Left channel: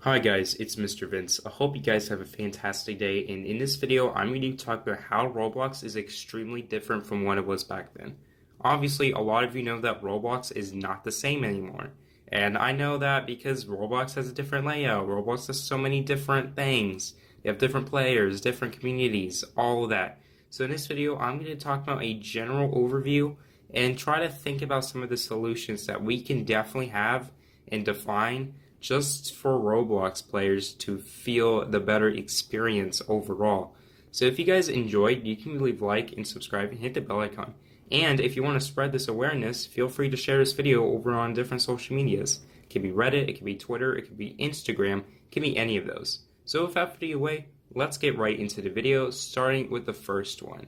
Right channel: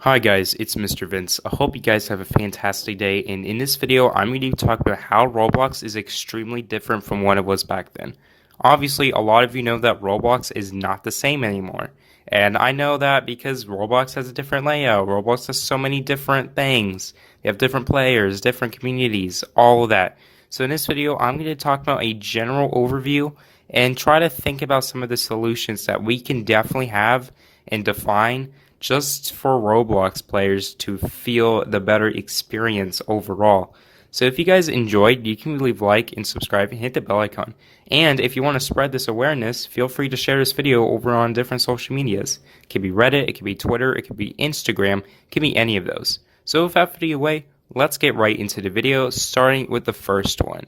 Hi guys, it's MisterVince. I hope you guys have a fantastic day, and in this video I'm going to talk about how Roblox is extremely different from what it was back then. Obviously, a lot of you know that Roblox is not the same anymore, and I know that because Roblox has a different layout. Roblox has so many different things. They have different players, different communities, all of that. So in this video, I'm going to talk about a general overview and try to think about some of the solutions that we can definitely have and define just for Roblox players to feel the better experience overall. So if you guys enjoyed, you can leave a like and subscribe and hit the bell icon. And if you want to spread this awareness, feel free to share this video over on different social medias. It could be Reddit, it could be Twitter, it could be Instagram, it could be any of those. So without further away, let's get right into the video, starting with the first one.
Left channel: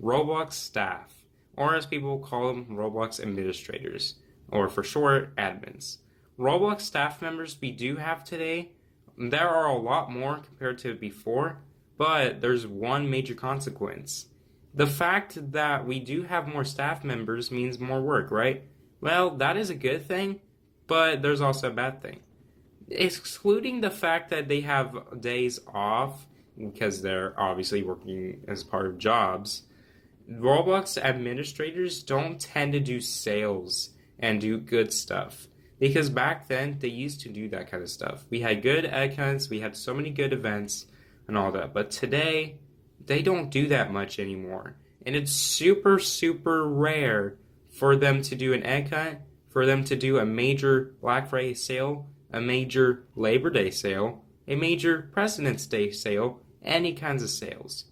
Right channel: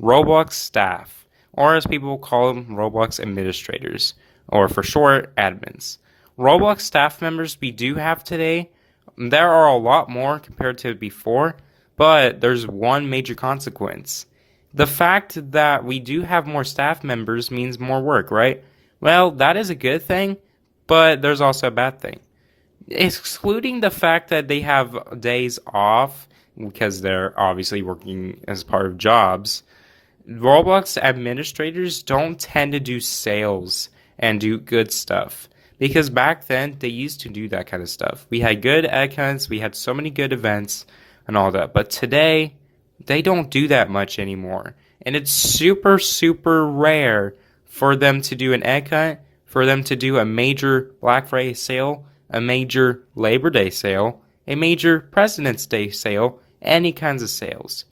Roblox staff, or as people call them, Roblox administrators, or for short, admins. Roblox staff members we do have today, there are a lot more compared to before, but there's one major consequence. The fact that we do have more staff members means more work, right? Well, that is a good thing, but there's also a bad thing. Excluding the fact that they have days off because they're obviously working as part of jobs, Roblox administrators don't tend to do sales and do good stuff. Because back then, they used to do that kind of stuff. We had good accounts, we had so many good events and all that. But today, they don't do that much anymore. And it's super, super rare for them to do an egg hunt, for them to do a major Black Friday sale, a major Labor Day sale, a major President's Day sale, any kinds of sales.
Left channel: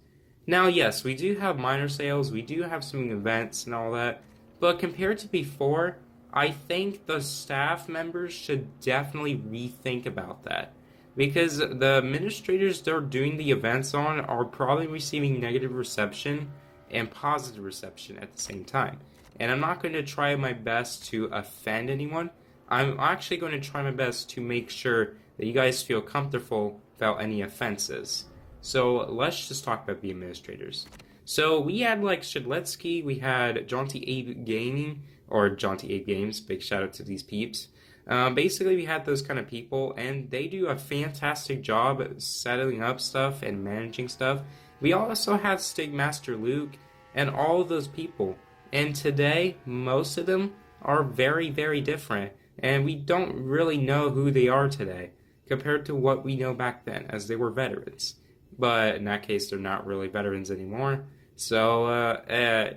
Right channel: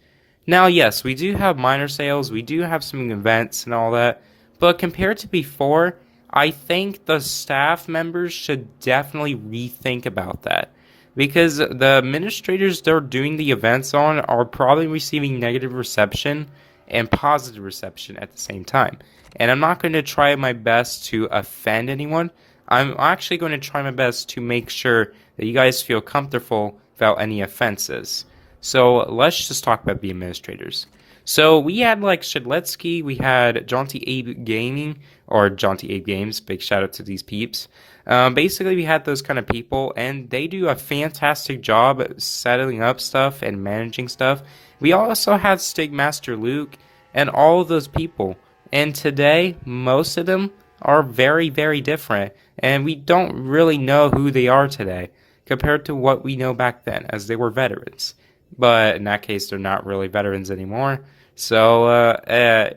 Now, yes, we do have minor sales, we do have some events and all that, but compared to before, I think the staff members should definitely rethink about that. Because the administrators they're doing the events on are probably receiving negative reception and positive reception at the same time. And I'm not going to try my best to offend anyone. I'm actually going to try my best to make sure that you guys feel comfortable without any offenses. So let's just talk about the administrators. So we had like Shedletsky, we had Jaunty Abe Gaming, or Jaunty Abe Games, big shout out to these peeps. Basically, we had those kind of people, and they do a fantastic job at setting up stuff and managing stuff. We also have Stigmaster Luke and all of those people. And today, most of them are very, very different, and we don't really know who they are today compared to what we know back then, as they were veterans. But in that case, they're not really veterans anymore. So,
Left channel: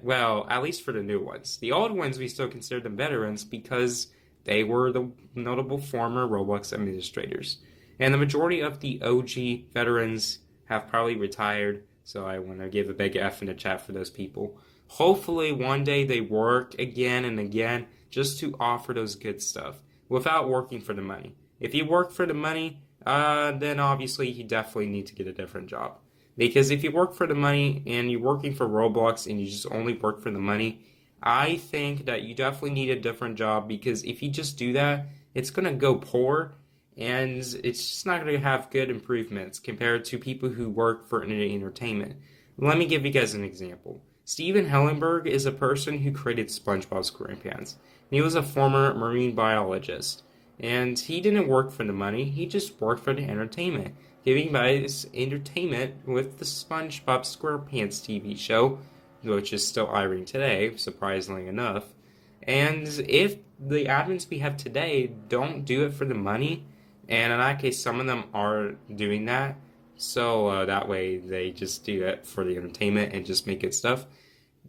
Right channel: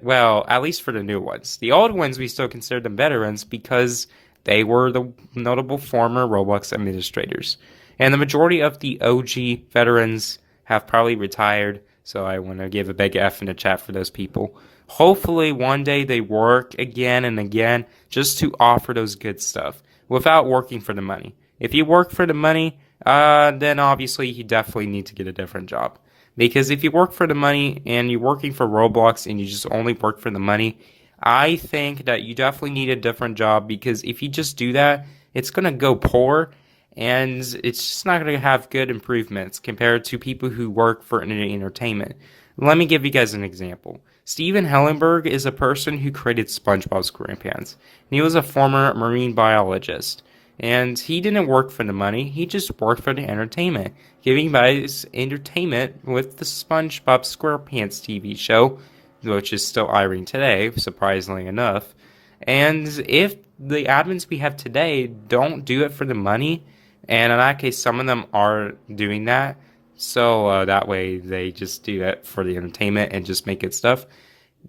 well, at least for the new ones. The old ones, we still consider them veterans because they were the notable former Roblox administrators. And the majority of the OG veterans have probably retired, so I want to give a big F in the chat for those people. Hopefully, one day they work again and again just to offer those good stuff without working for the money. If you work for the money, then obviously you definitely need to get a different job. Because if you work for the money and you're working for Roblox and you just only work for the money, I think that you definitely need a different job because if you just do that, it's going to go poor and it's just not going to have good improvements compared to people who work for entertainment. Let me give you guys an example. Steven Hellenberg is a person who created SpongeBob SquarePants. He was a former marine biologist. And he didn't work for the money, he just worked for the entertainment, giving guys entertainment with the SpongeBob SquarePants TV show, which is still airing today, surprisingly enough. And if the admins we have today don't do it for the money, and in that case, some of them are doing that, so that way they just do it for the entertainment and just make it stuff,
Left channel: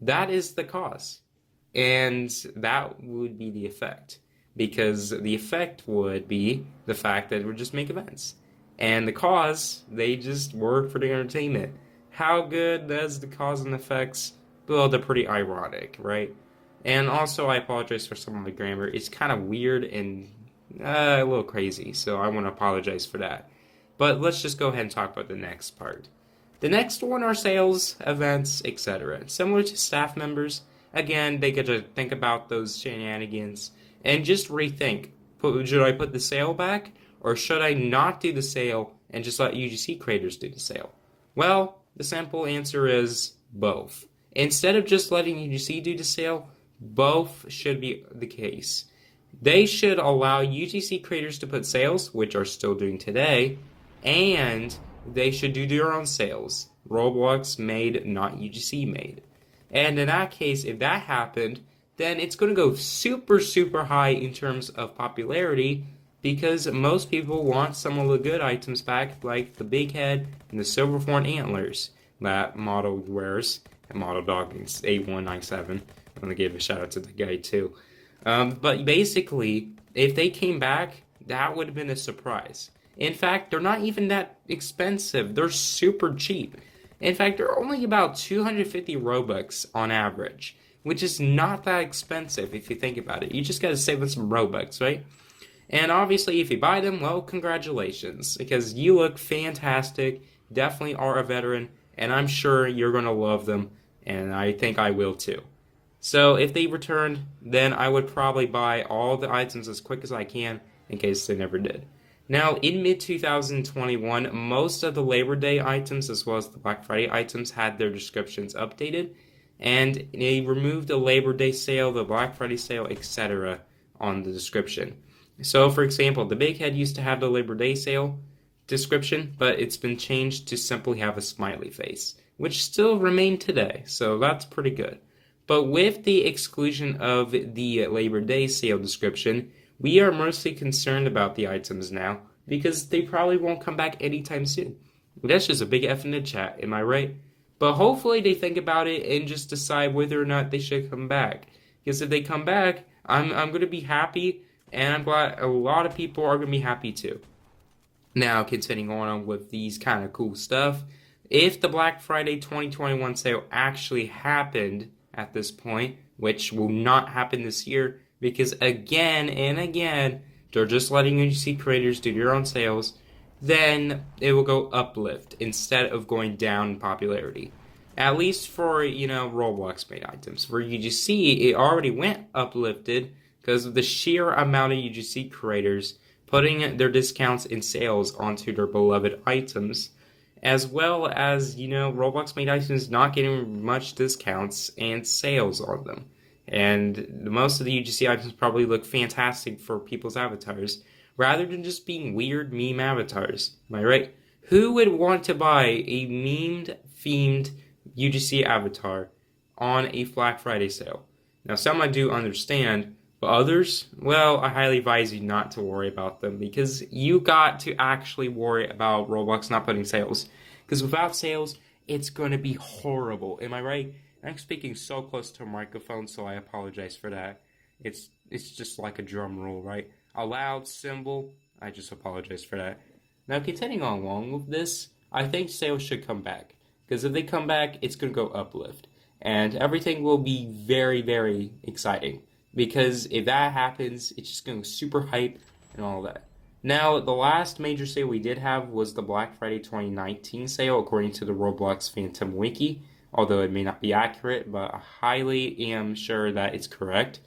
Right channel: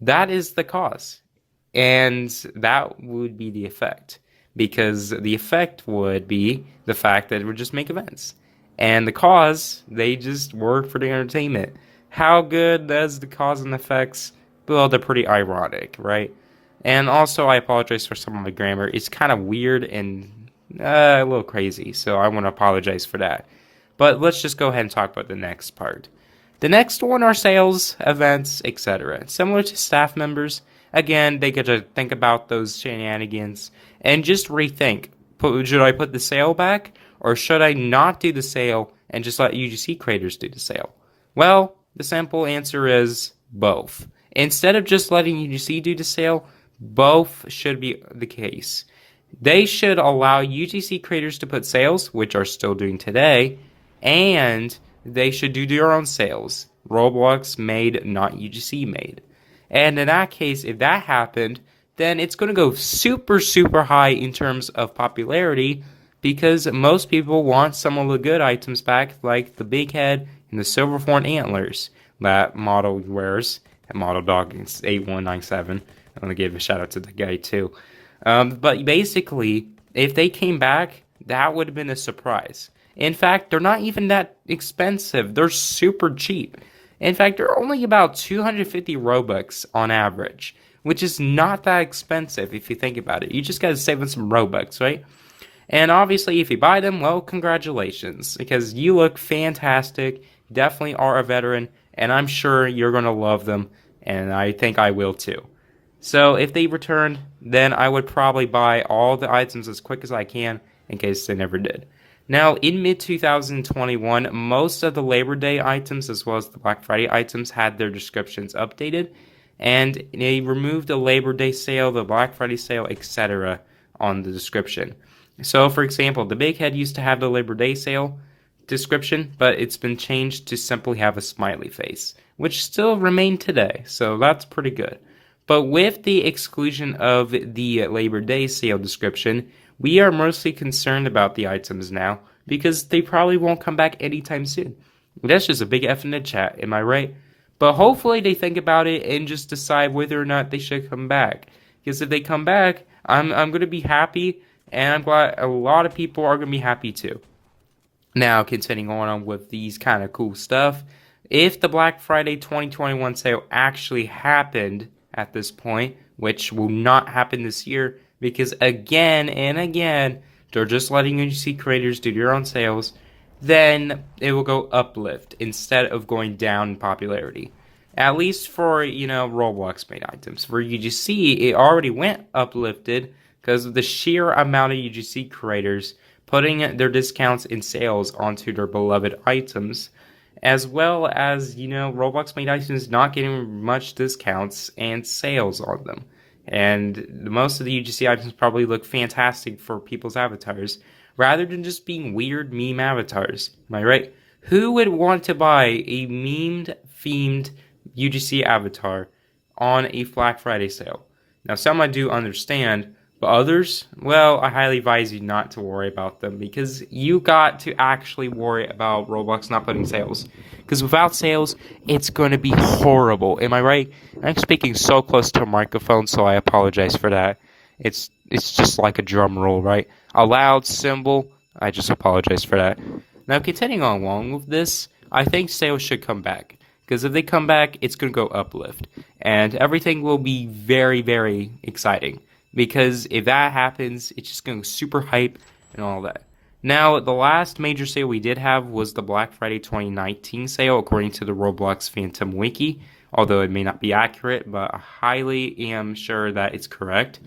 that is the cause. And that would be the effect because the effect would be the fact that it would just make events. And the cause, they just work for the entertainment. How good does the cause and effects? Well, they're pretty ironic, right? And also, I apologize for some of my grammar. It's kind of weird and a little crazy, so I want to apologize for that. But let's just go ahead and talk about the next part. The next one are sales, events, etc. Similar to staff members, again, they get to think about those shenanigans and just rethink. Should I put the sale back? Or should I not do the sale and just let UGC creators do the sale? Well, the simple answer is both. Instead of just letting UGC do the sale, both should be the case. They should allow UGC creators to put sales, which are still doing today, and they should do their own sales. Roblox made, not UGC made. And in that case, if that happened, then it's going to go super, super high in terms of popularity because most people want some of the good items back, like the big head and the silver horn antlers that Model wears. And Model Dog 8197. I want to give a shout out to the guy too. But basically, if they came back, that would have been a surprise. In fact, they're not even that expensive. They're super cheap. In fact, they're only about 250 Robux on average, which is not that expensive if you think about it. You just got to save up some Robux, right? And obviously, if you buy them, well, congratulations, because you look fantastic, definitely are a veteran, and I'm sure you're going to love them, and I think I will too. So if they returned, then I would probably buy all the items as quick as I can in case they never did. Now, in mid-2021, most of the Labor Day items as well as the Black Friday items had their descriptions updated, and they removed the Labor Day sale, the Black Friday sale, etc. on the description. So, for example, the Big Head used to have the Labor Day sale description, but it's been changed to simply have a smiley face, which still remain today, so that's pretty good. But with the exclusion of the Labor Day sale description, we are mostly concerned about the items now because they probably won't come back anytime soon. That's just a big F in the chat, am I right? But hopefully they think about it and just decide whether or not they should come back. Because if they come back, I'm going to be happy, and I'm glad a lot of people are going to be happy too. Now, continuing on with these kind of cool stuff, if the Black Friday 2021 sale actually happened at this point, which will not happen this year, because again and again, they're just letting UGC creators do their own sales, then it will go uplift instead of going down in popularity. At least for, Roblox made items. For UGC, it already went uplifted because of the sheer amount of UGC creators putting their discounts and sales onto their beloved items, as well as, Roblox made items not getting much discounts and sales on them. And most of the UGC items probably look fantastic for people's avatars, rather than just being weird meme avatars. Am I right? Who would want to buy a memed-themed UGC avatar on a Black Friday sale? Now, some I do understand, but others, well, I highly advise you not to worry about them, because you got to actually worry about Roblox not putting sales. Because without sales, it's going to be horrible. Am I right? I'm speaking so close to a microphone, so I apologize for that. It's just like a drum roll, right? A loud cymbal. I just apologize for that. Now, continuing on along with this, I think sales should come back. Because if they come back, it's going to go uplift. And everything will be very, very exciting. Because if that happens, it's just going to go super hype and all that. Now, the last major sale we did have was the Black Friday 2019 sale, according to the Roblox Phantom Wiki. Although it may not be accurate, but I highly am sure that it's correct.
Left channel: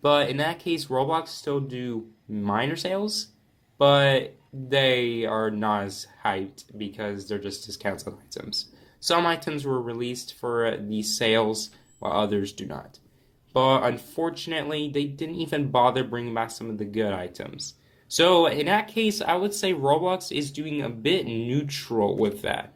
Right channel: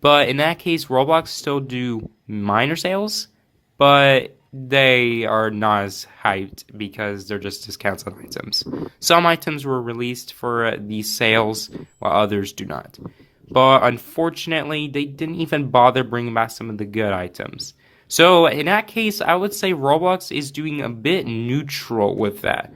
But in that case, Roblox still do minor sales, but they are not as hyped because they're just discounts on items. Some items were released for these sales, while others do not. But unfortunately, they didn't even bother bringing back some of the good items. So in that case, I would say Roblox is doing a bit neutral with that.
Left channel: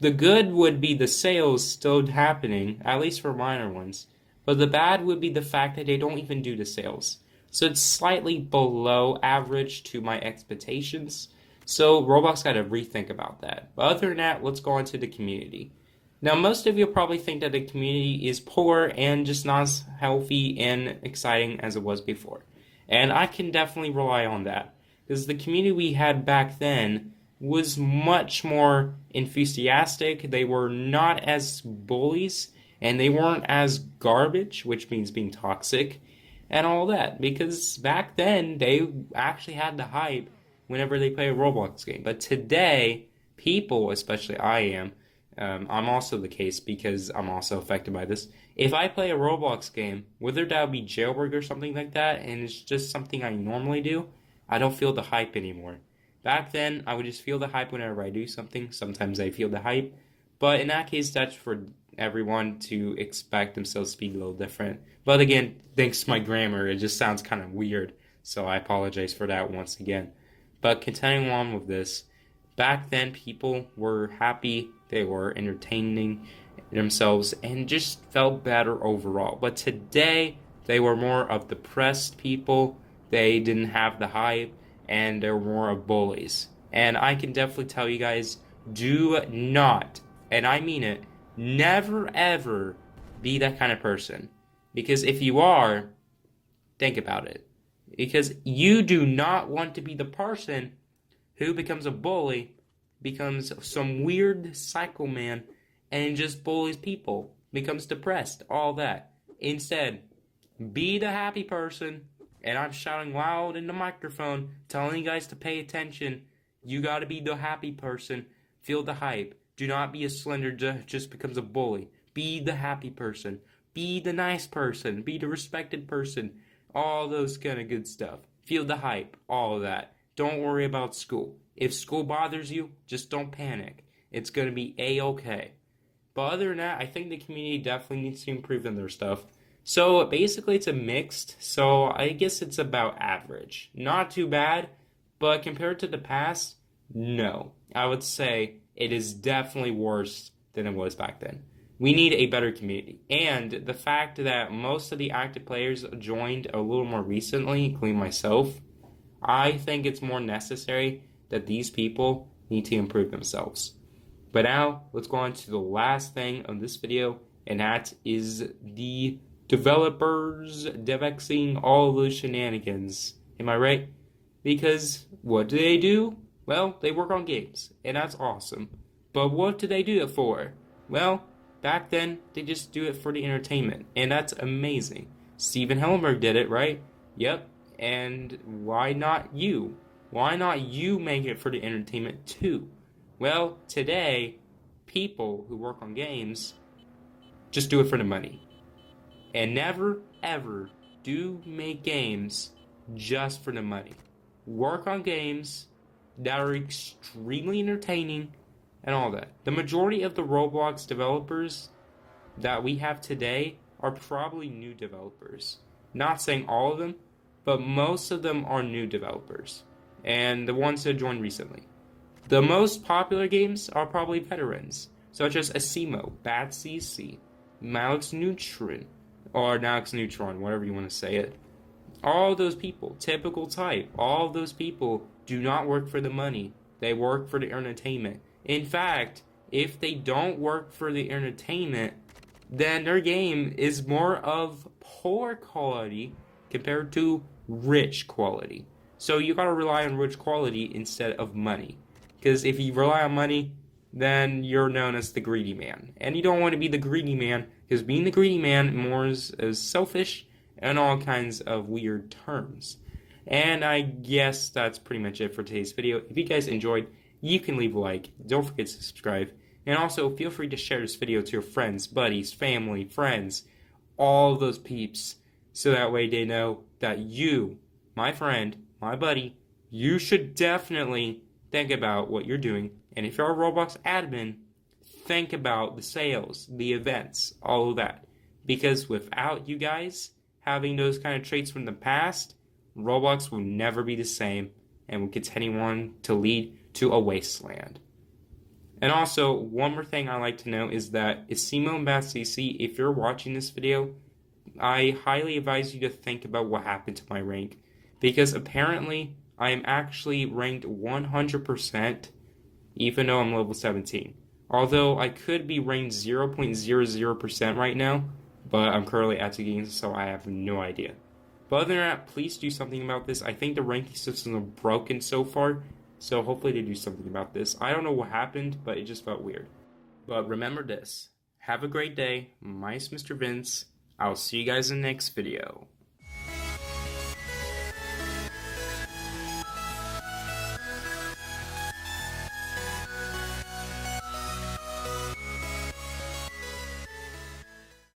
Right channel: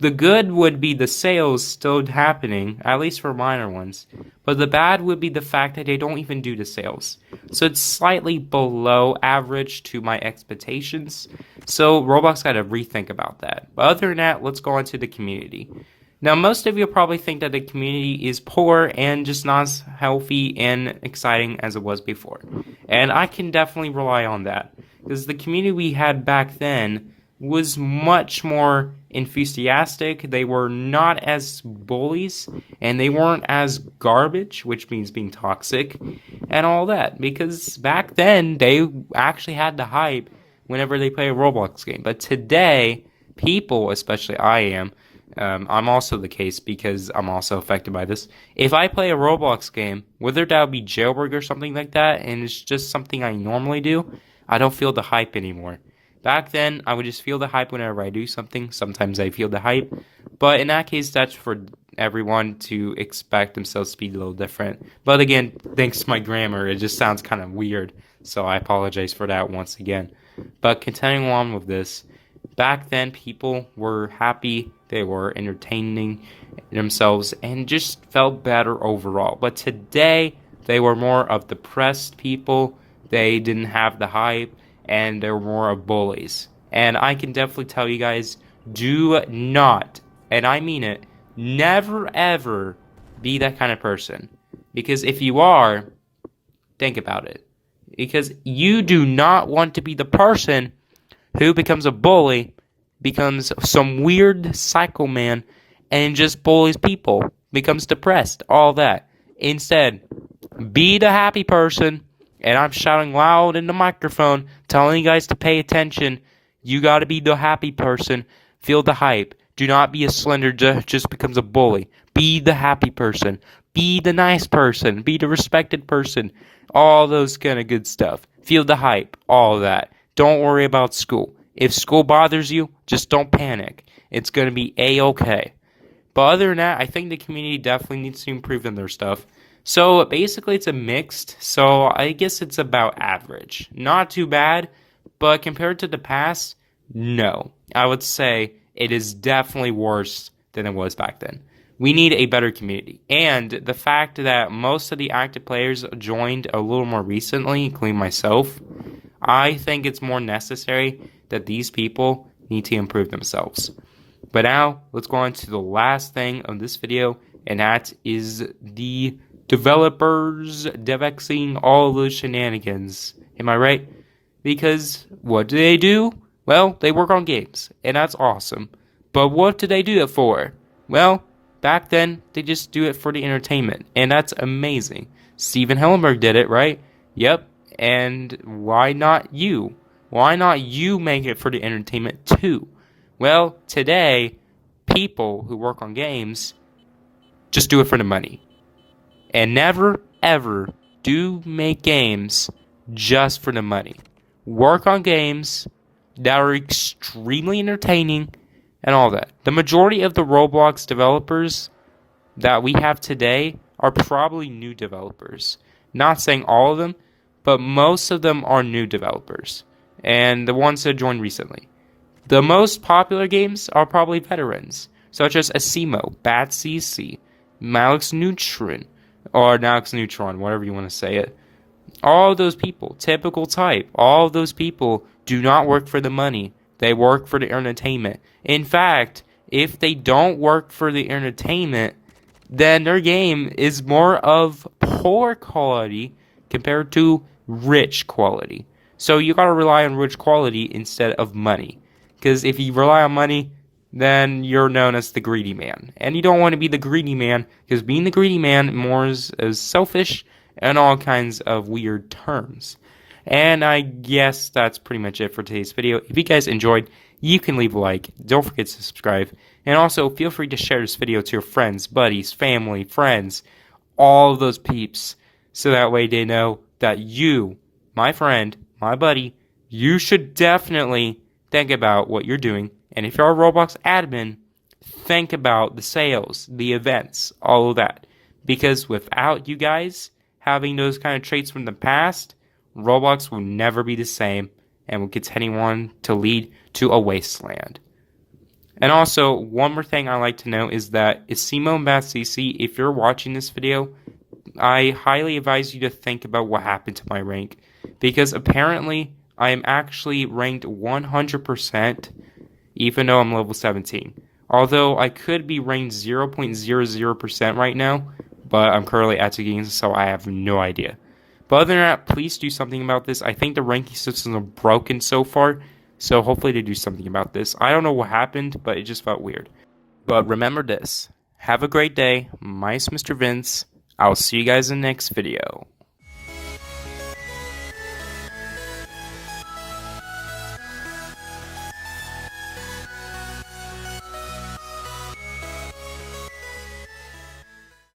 The good would be the sales still happening, at least for minor ones. But the bad would be the fact that they don't even do the sales. So it's slightly below average to my expectations. So Roblox got to rethink about that. But other than that, let's go on to the community. Now, most of you probably think that the community is poor and just not as healthy and exciting as it was before. And I can definitely rely on that. Because the community we had back then was much more enthusiastic. They were not as bullies, and they weren't as garbage, which means being toxic, and all that. Because back then, they actually had the hype whenever they play a Roblox game. But today, people, especially I am, I'm also the case because I'm also affected by this. If I play a Roblox game, whether that would be jailbreak or something like that, and it's just something I normally do, I don't feel the hype anymore. Back then, I would just feel the hype whenever I do something. Sometimes I feel the hype. But in that case, that's for everyone to expect themselves to be a little different. But again, thanks to my grammar, it just sounds kind of weird. So I apologize for that once again. But continuing on with this, back then people were happy, they were entertaining themselves, and just felt better overall. But today, they were more of depressed people, they didn't have the hype, and they were more of bullies. And I can definitely tell you guys, do not, and I mean it, never ever be that kind of person. Because if you are, think about it. Because you do not want to be the person who becomes a bully, becomes some weird psycho man, and just bullies people, becomes depressed, all that. Instead, be the happy person, and I'm shouting loud in the microphone, telling you guys to pay attention. You gotta be the happy person, feel the hype. Do not be a slender just becomes a bully. Be the happy person, be the nice person, be the respected person, all those kind of good stuff. Feel the hype, all of that. Don't worry about school. If school bothers you, just don't panic. It's going to be A-okay. But other than that, I think the community definitely needs to improve in their stuff. So basically it's a mixed, so I guess it's about average. Not too bad, but compared to the past, no. I would say it is definitely worse than it was back then. We need a better community. And the fact that most of the active players joined a little more recently, including myself, I think it's more necessary that these people need to improve themselves. But now, let's go on to the last thing of this video, and that is the developers devexing all of those shenanigans. Am I right? Because what do? Well, they work on games, and that's awesome. But what do they do it for? Well, back then, they just do it for the entertainment, and that's amazing. Steven Hillenberg did it, right? Yep, and why not you? Why not you make it for the entertainment too? Well, today, people who work on games just do it for the money. And never, ever do make games just for the money. Work on games that are extremely entertaining and all that. The majority of the Roblox developers that we have today are probably new developers. Not saying all of them, but most of them are new developers. And the ones that joined recently. The most popular games are probably veterans, such as Asimo, Bad CC, Malix Neutron, or Nalix Neutron, whatever you want to say it. All of those people, typical type, all of those people do not work for the money. They work for the entertainment. In fact, if they don't work for the entertainment, then their game is more of poor quality compared to rich quality. So you gotta rely on rich quality instead of money. Because if you rely on money, then you're known as the greedy man. And you don't want to be the greedy man, because being the greedy man more is selfish and all kinds of weird terms. And I guess that's pretty much it for today's video. If you guys enjoyed, you can leave a like. Don't forget to subscribe. And also, feel free to share this video to your friends, buddies, family, friends, all of those peeps. So that way they know that you, my friend, my buddy, you should definitely think about what you're doing. And if you're a Roblox admin, think about the sales, the events, all of that. Because without you guys having those kind of traits from the past, Roblox will never be the same and will continue on to lead to a wasteland. And also, one more thing I like to know is that Asimo and Bad CC, if you're watching this video, I highly advise you to think about what happened to my rank. Because apparently, I am actually ranked 100%, even though I'm level 17. Although I could be ranked 0.00% right now, but I'm currently at the games, so I have no idea. But other than that, please do something about this. I think the ranking systems are broken so far, so hopefully they do something about this. I don't know what happened, but it just felt weird. But remember this. Have a great day. My name's MisterVince. I'll see you guys in the next video.